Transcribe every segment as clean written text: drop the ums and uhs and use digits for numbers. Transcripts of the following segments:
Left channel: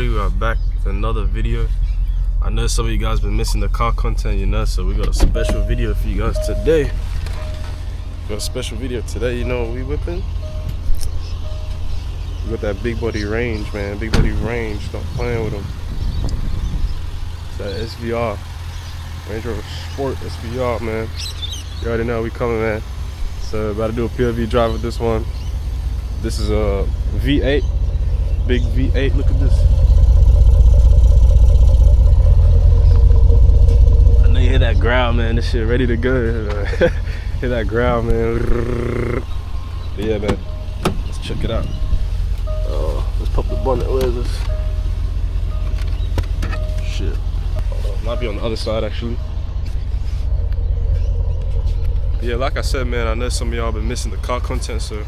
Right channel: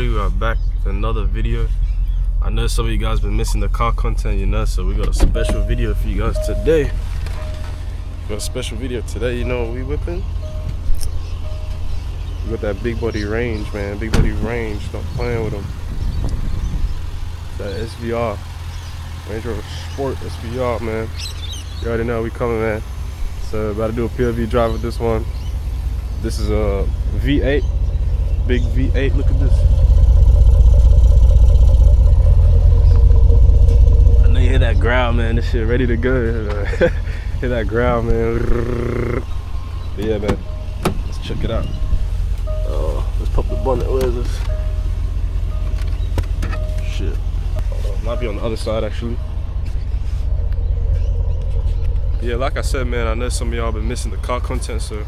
everybody, we are back with another video. I know some of you guys been missing the car content, you know, so we got a special video for you guys today. Got a special video today. You know what we whipping? We got that big body range, man. Big body range. Stop playing with them. That SVR, Range Rover Sport SVR, man. You already know we coming, man. So about to do a POV drive with this one. This is a V8, big V8. Look at this. I know you hear that growl, man. This shit ready to go. Hear that growl, man. But yeah, man. Let's check it out. Let's pop the bonnet. Where is this? Shit. Might be on the other side, actually. Yeah, like I said, man, I know some of y'all been missing the car content, so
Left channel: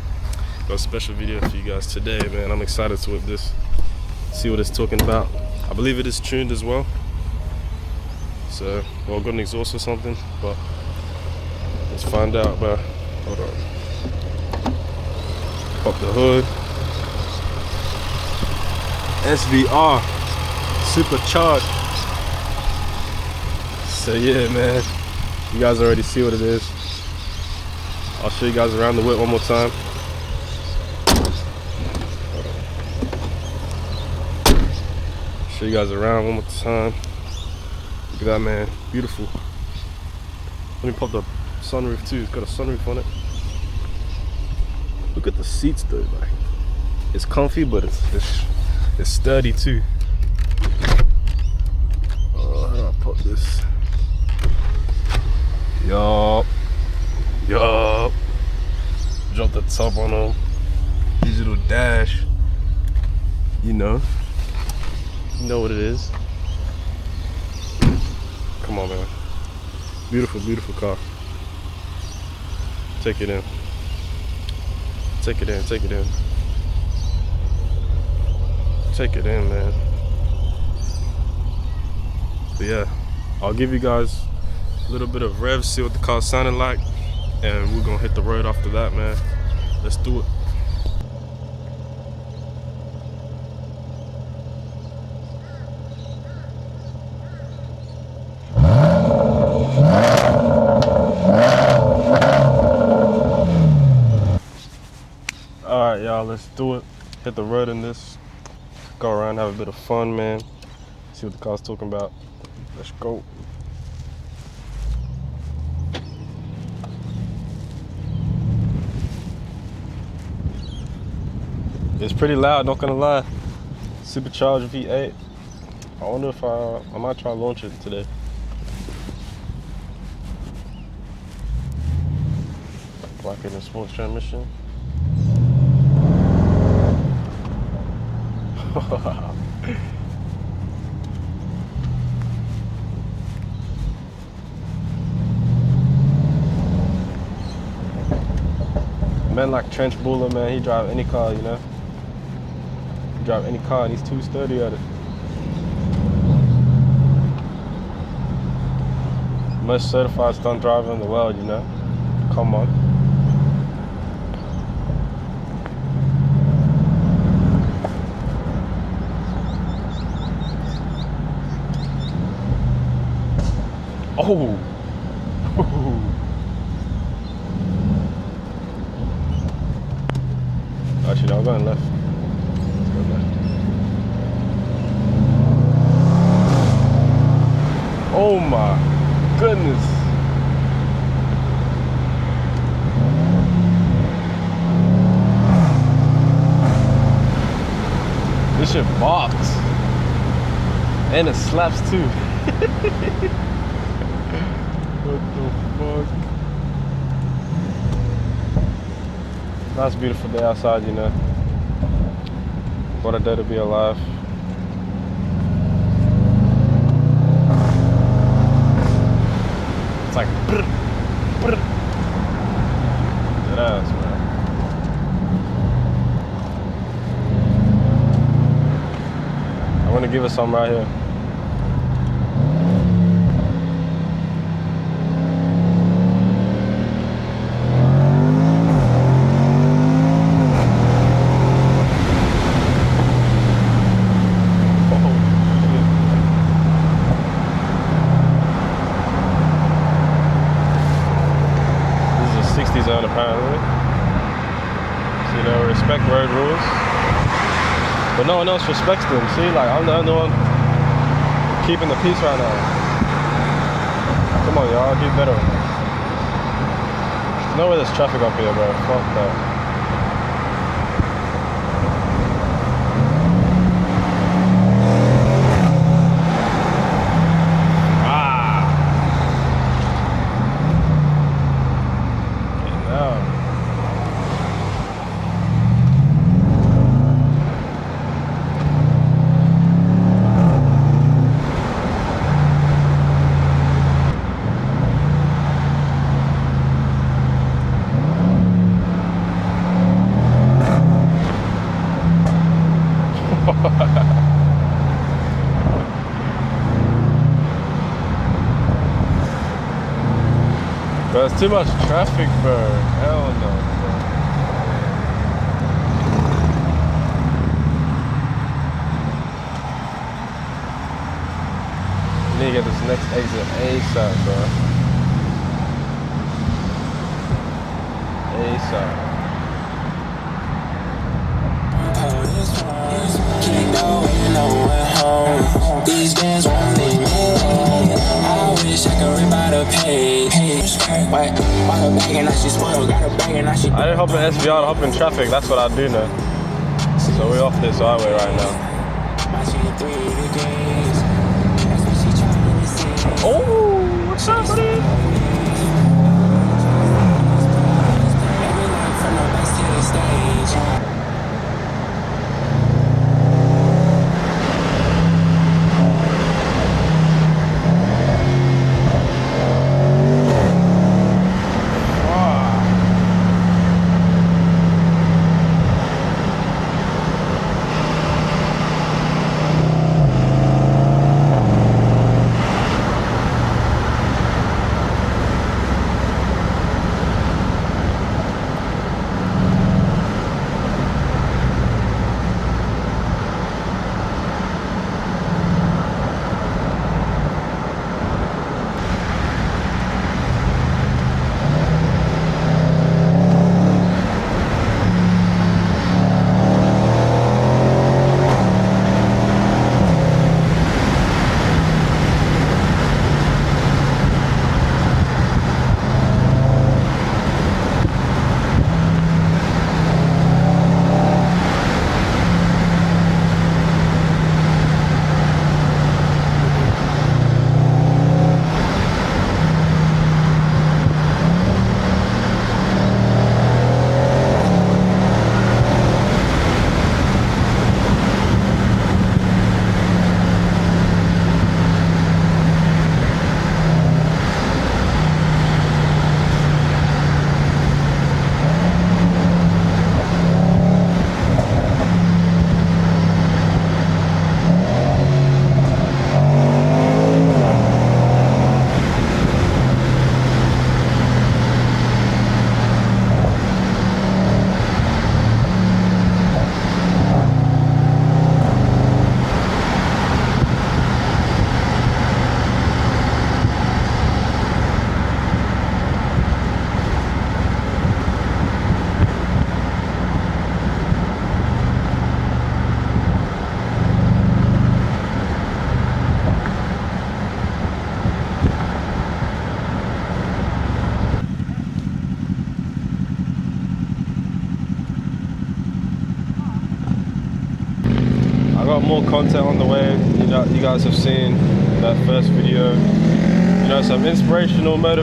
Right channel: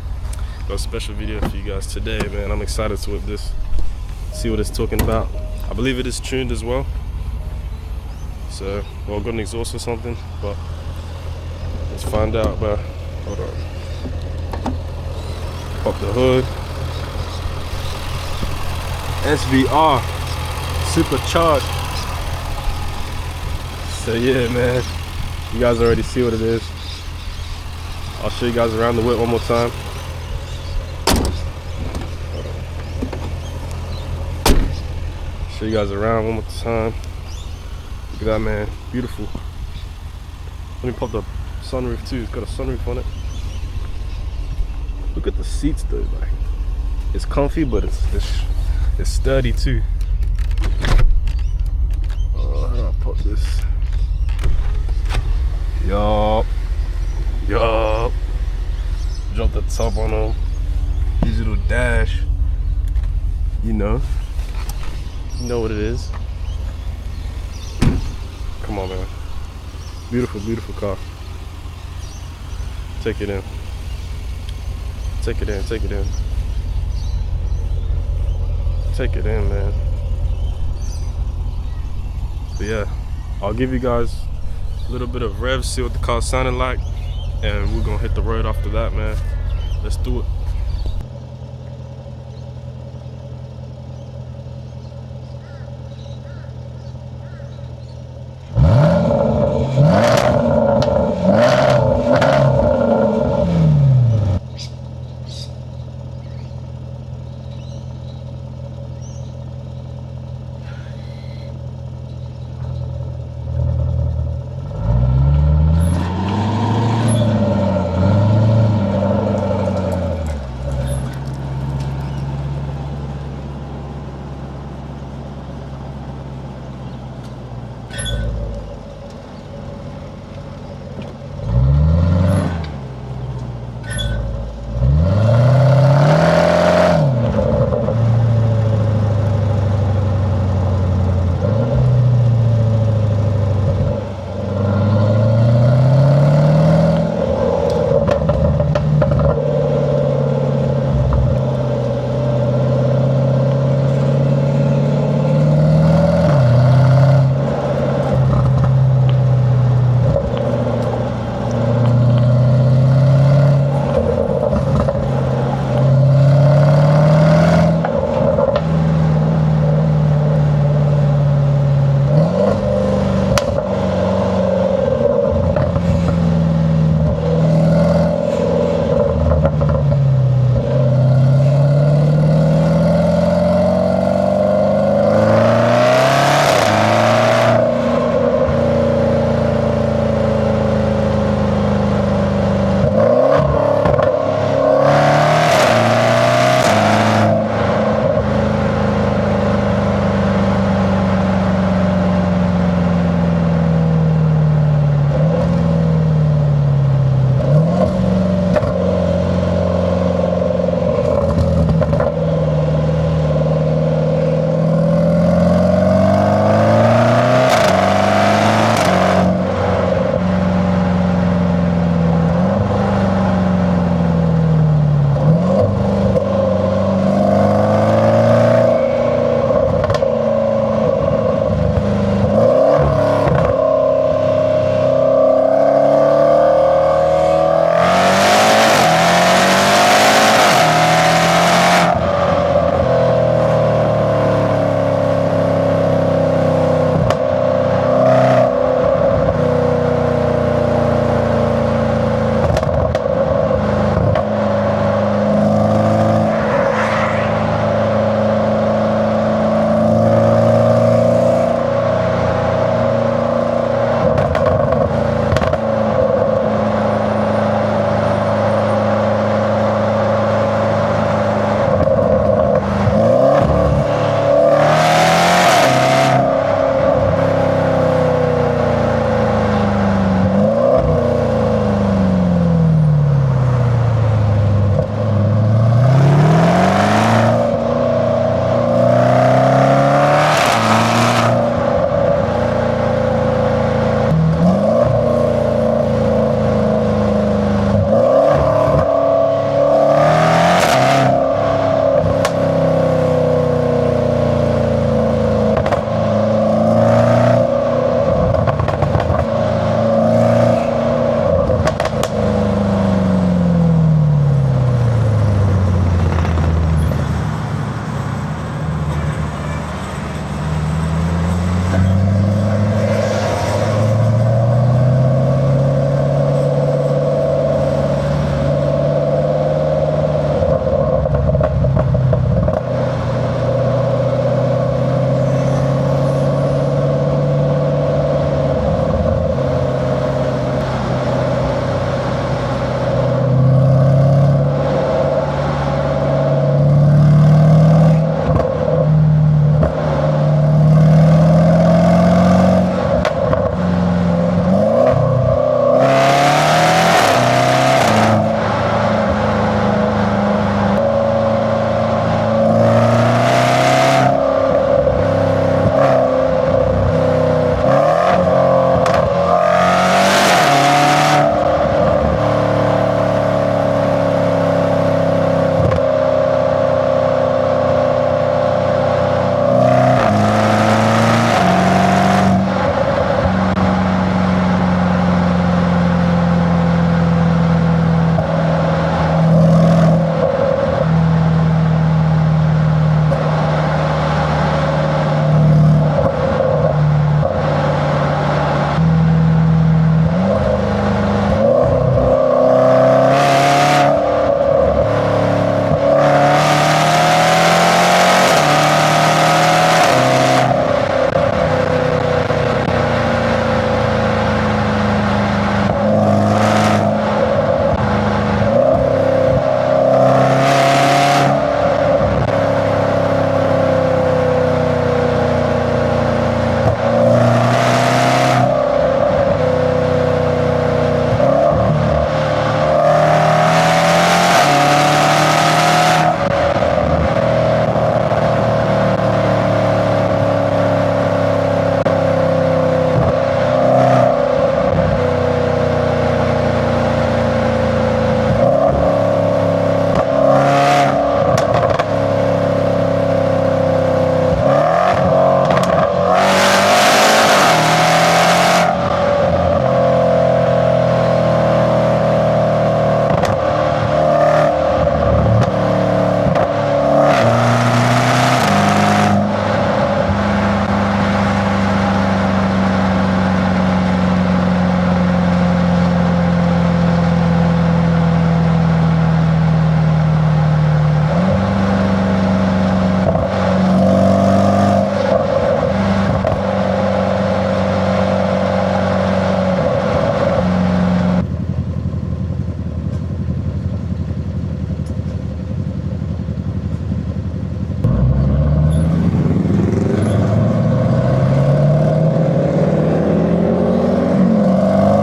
got a special video for you guys today, man. I'm excited to whip this, see what it's talking about. I believe it is tuned as well, so well, got an exhaust or something, but let's find out. But hold on, pop the hood. SVR Supercharged. So yeah, man, you guys already see what it is. I'll show you guys around the whip one more time. Show you guys around one more time. Look at that, man, beautiful. Let me pop the sunroof too. It's got a sunroof on it. Look at the seats though, like it's comfy, but it's sturdy too. Oh, how do I pop this? Yup. Drop the top on them. Digital dash. You know what it is. Come on, man. Beautiful, beautiful car. Take it in. Take it in, take it in. Take it in, man. But yeah, I'll give you guys a little bit of revs, see what the car sounded like, and we're gonna hit the road after that, man. Let's do it. Alright, y'all, let's do it. Hit the road in this. Go around, have a bit of fun, man. See what the car's talking about. Let's go. It's pretty loud, not gonna lie. Supercharged V8. I wonder if I might try to launch it today. Like in a small transmission. Certified stunt driving as well, you know. Come on. And it slaps too. That's beautiful day outside, you know. What a day to be alive. It's like I want to give us some right here.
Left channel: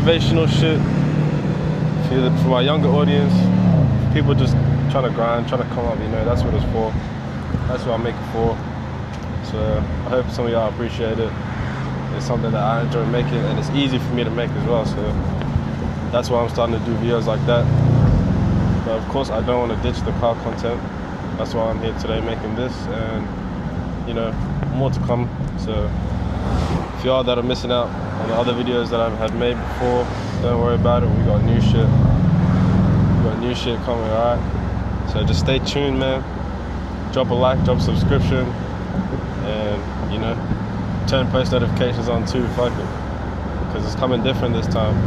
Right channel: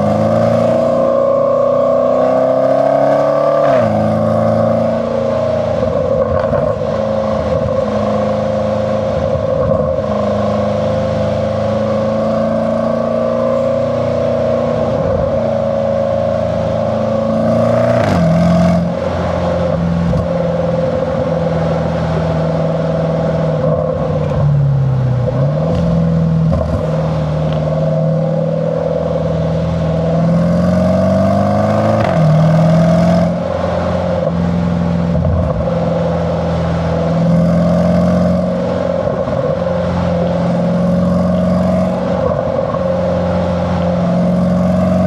motivational shit for our younger audience. People just trying to grind, trying to come, you know, that's what it's for. That's what I make it for. So I hope some of y'all appreciate it. It's something that I enjoy making, and it's easy for me to make as well. So that's why I'm starting to do videos like that. And of course, I don't want to ditch the car content. That's why I did today, making this. You know, more to come. So if y'all that are missing out on the other videos that I've made before, don't worry about it. New shit coming, alright? So just stay tuned, man. Drop a like, drop a subscription, and you know, turn post notifications on too, fuck it. Because it's coming different this time.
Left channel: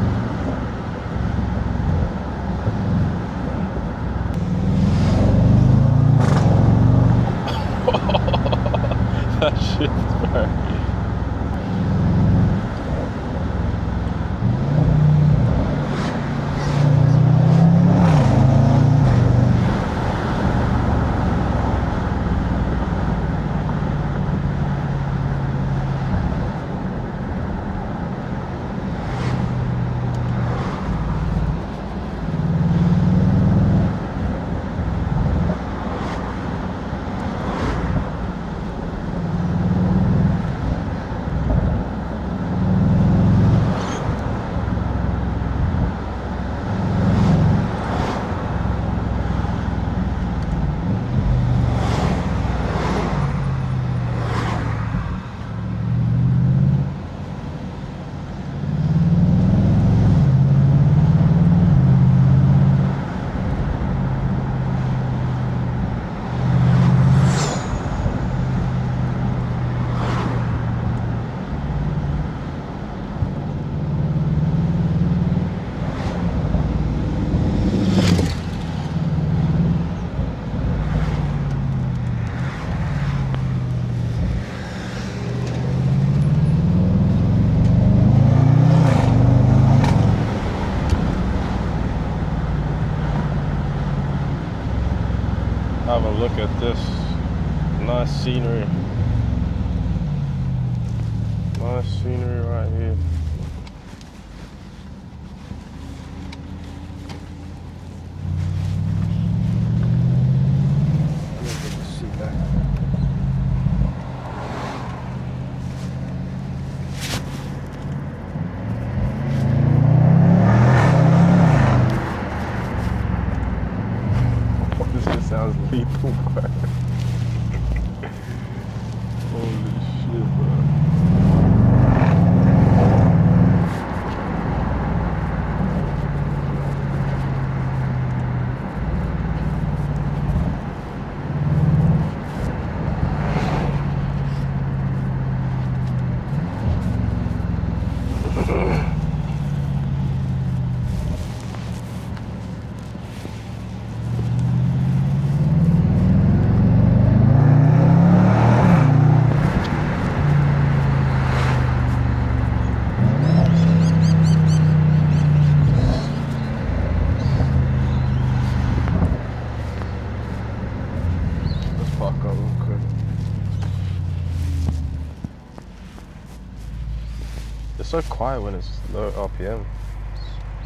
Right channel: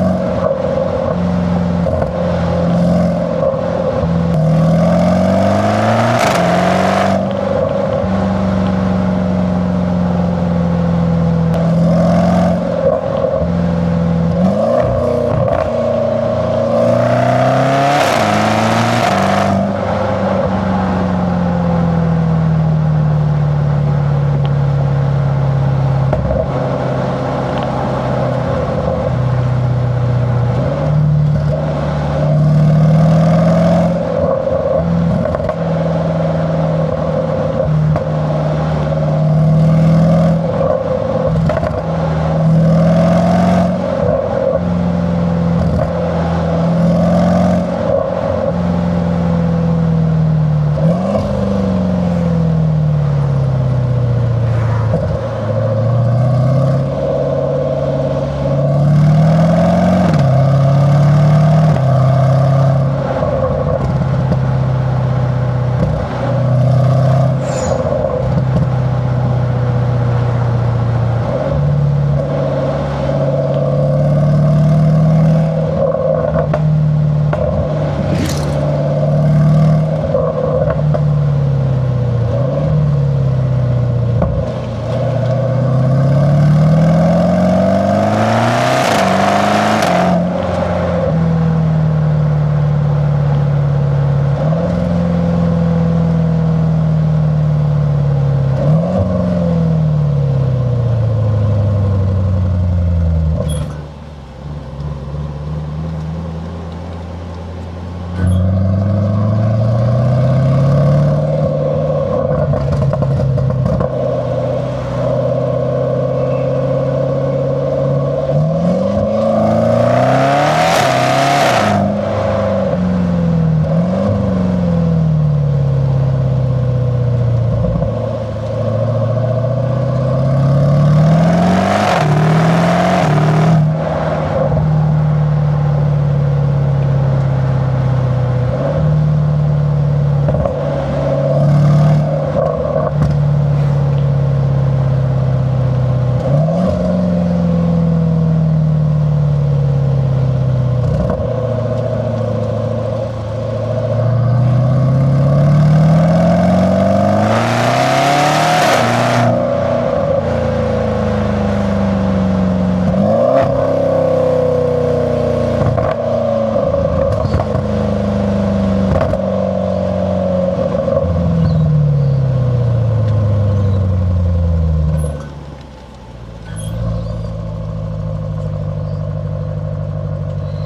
So quiet when it's low RPM.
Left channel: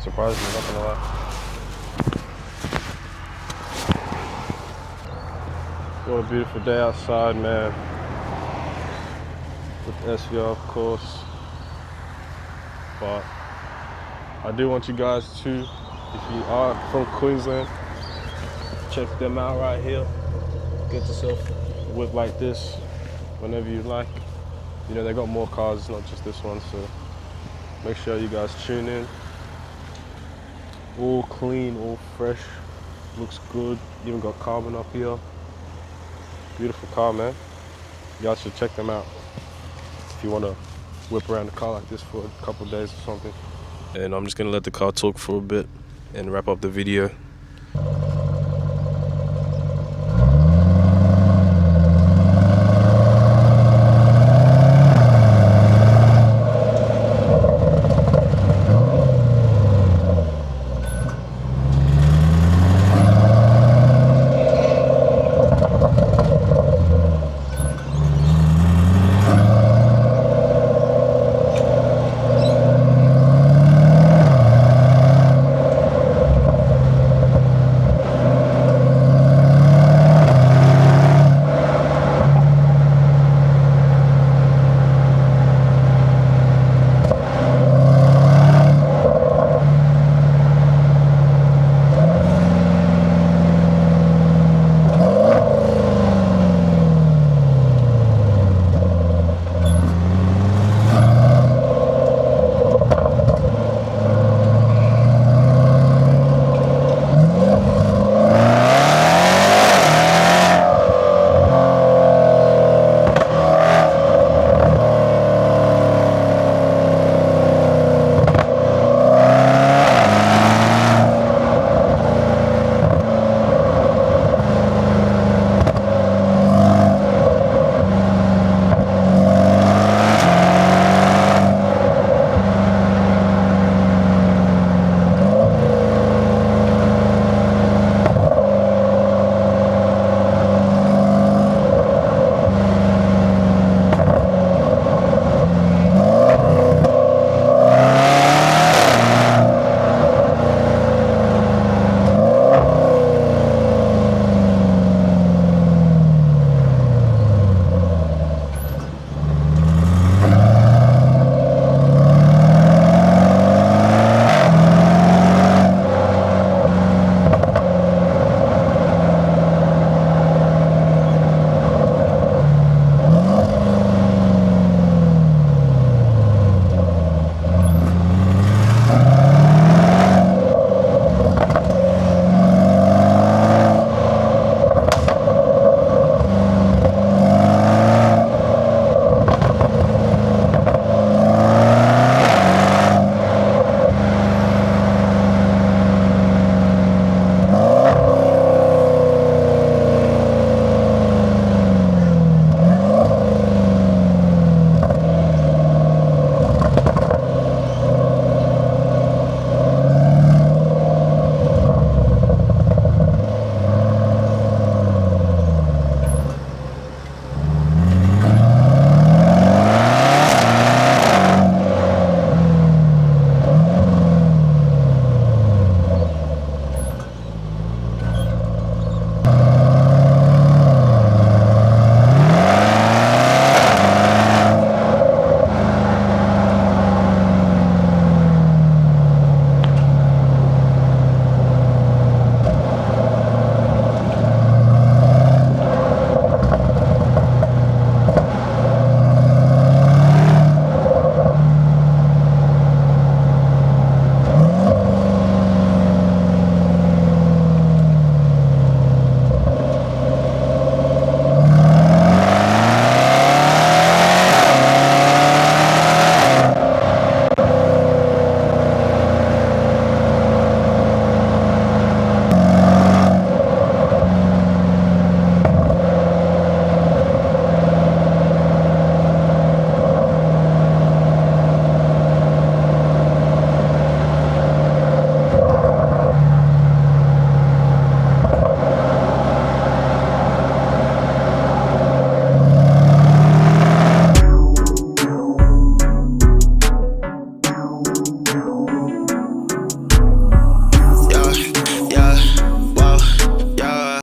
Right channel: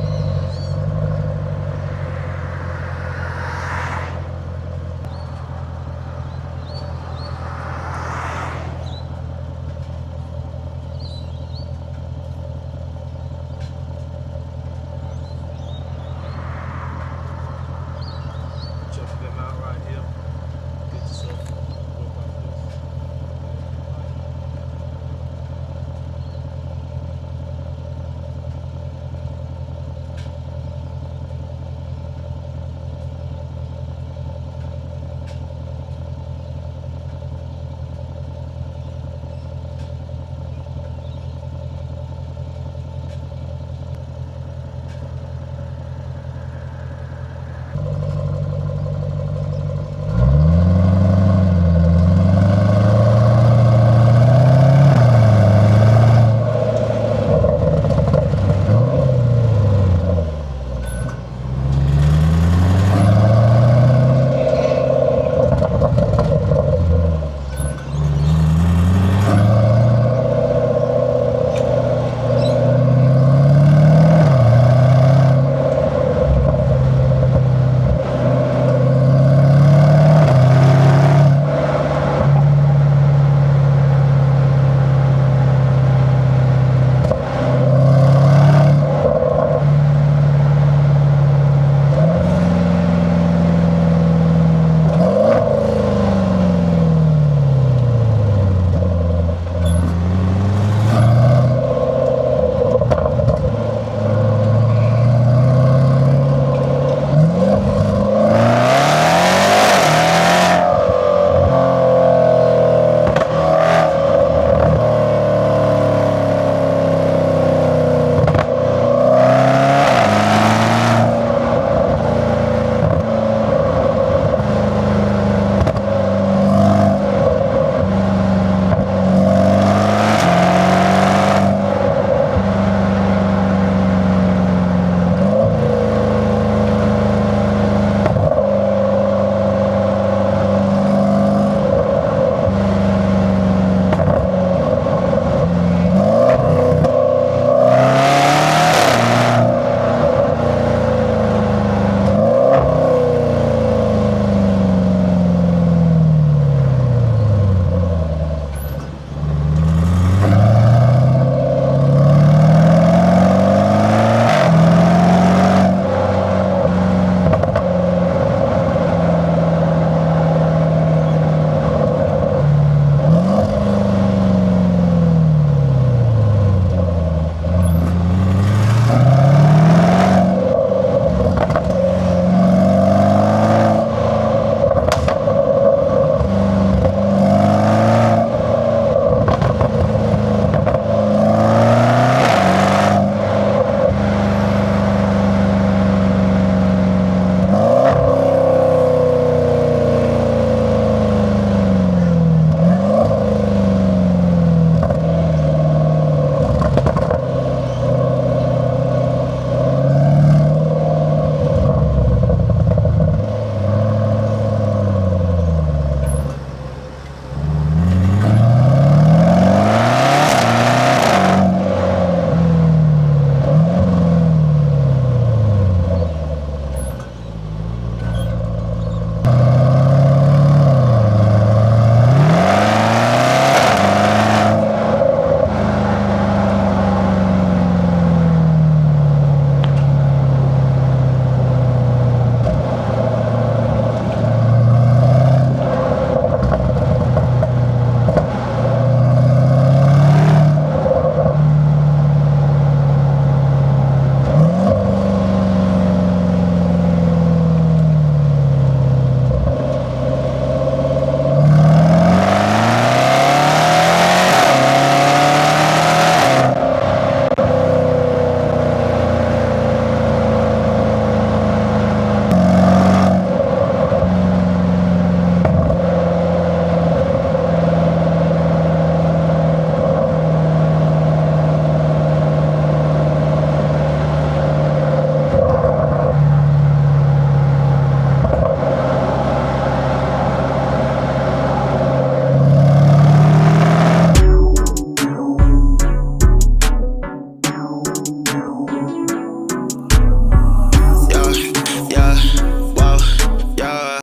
Surprised me, nothing like that. What a beautiful day outside, man. With SVR, of course. But I do want you guys to, if you are from Queensland, check them out right here. Get yourself a whip like this whenever you like. You know, they got more cars, it's not just this one, so make sure you guys tune in. All clean, all fresh, looks good. Even got carbon up here. Beautiful car, man. Y'all should check them out if you want to whip around the car like this for a couple of days or something. And I'm just gonna let the car talk for a bit and wrap up the video.